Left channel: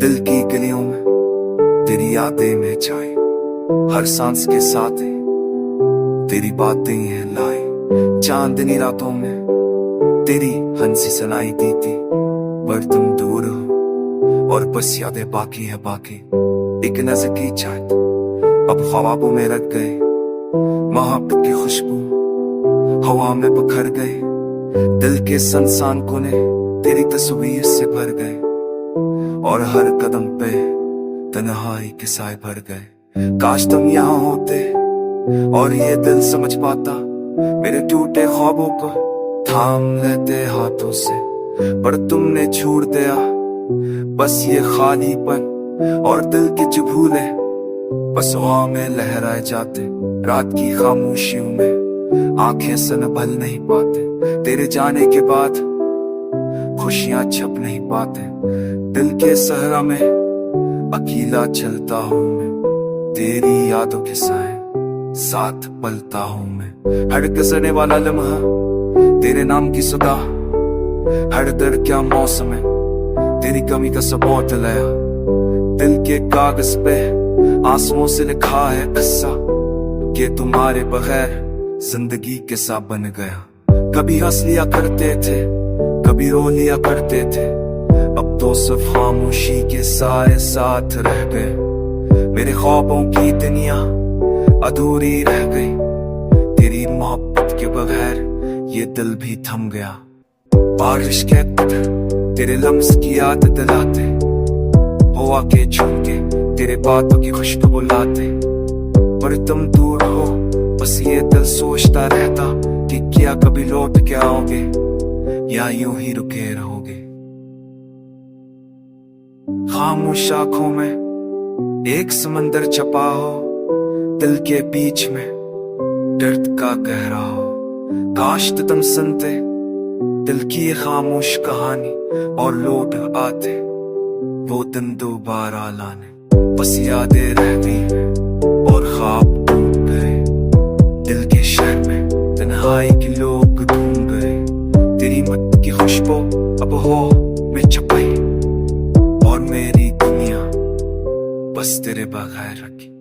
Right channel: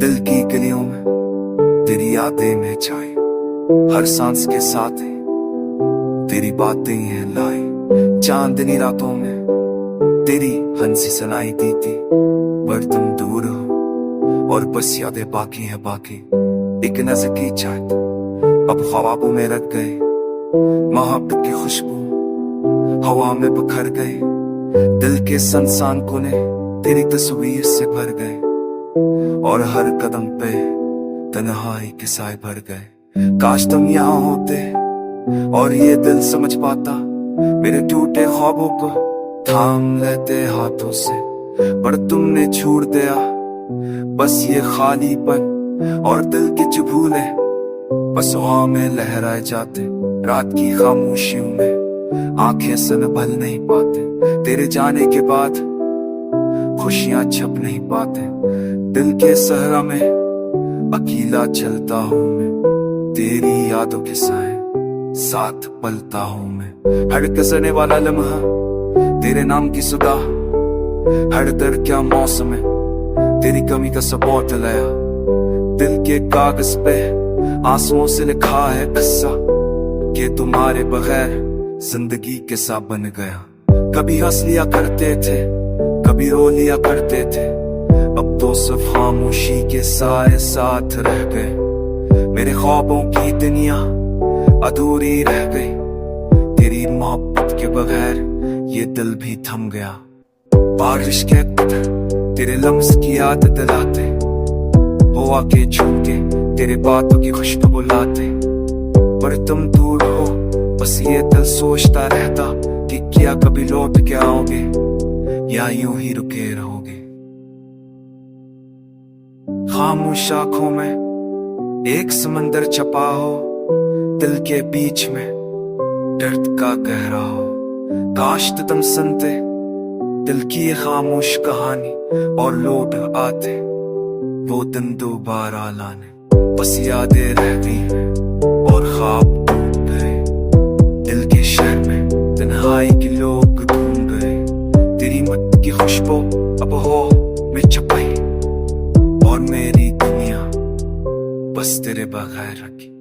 दिल की गलियों में तेरी यादें में छाई, हर सांस के साथ है तेरी बातें हैं लाई। चांदनी रातों में तेरी हंसी सुनाई दी थी, पर तुम दूर हो और बस यादें बाकी है बाकी। एक नजर की चाहत अब ख्वाबों में रख गए, मोहब्बत की खुशबू हवा में बिखर गए। दिल के संसान कोने तेरी तस्वीर से भर गए, और हर कदम पे तन्हाई के साए भर गए। काश तुम यहाँ होते और ये दिल समझ पाता, मेरे टूटे ख्वाबों को थाम लेते हाथों से। पर तुमने छोड़ दिया बस ये खालीपन और दिल के चुभूले, बस हवा में लहराए जाते रात की खामोशियों में। आंखें संभल नहीं पाते तेरे जाने के बाद, खुशियां छप नहीं पाते दिल के सहरा में। अकेला चलता हूँ मैं तेरी यादों के साथ पलता हूँ मैं। हर कसरने वाला लम्हा तेरे नाम की सुदा, हर दर्द क्या मौसम है तेरी कमी का सबूत लाया। दिल के कागज पे आंसुओं से लिखा है किस्सा, कि तुम्हारे बगैर जिंदगी कैसा बन गया। कभी हंस लिया करते थे, कभी रो लिया करते थे, अब तो सिर्फ खामोशी के साए साथ रह गए। मेरे ख्वाबों की दुनिया अधूरी रह गई, तेरी मोहब्बत के बगैर ये दिल भी थम गया। बारिश के तेरे लम्स की याद दिलाते, हवा के झुमके तेरे बातों की खुशबू बुलाते। पर तुम दूर हो बस ये दिल सोचता रहता, कि क्या कभी लौट के आओगे या यूं ही रुके रहोगे। खामोश आंखों में एक समंदर छपा हो, दिल के बीच में दर्द का गहरा हो। काश तुम सुनते दिल की ये खामोश कहानी और लौट आते वो दिन दोबारा लाने। बस यादें रह गई और ख्वाब टूट गए, दिल के शहर में तन्हाई के लोग ढूंढ गए। तेरी मत की खुशबू अब हो में छपाई, और मेरी दुनिया बस तेरे बगैर रखी।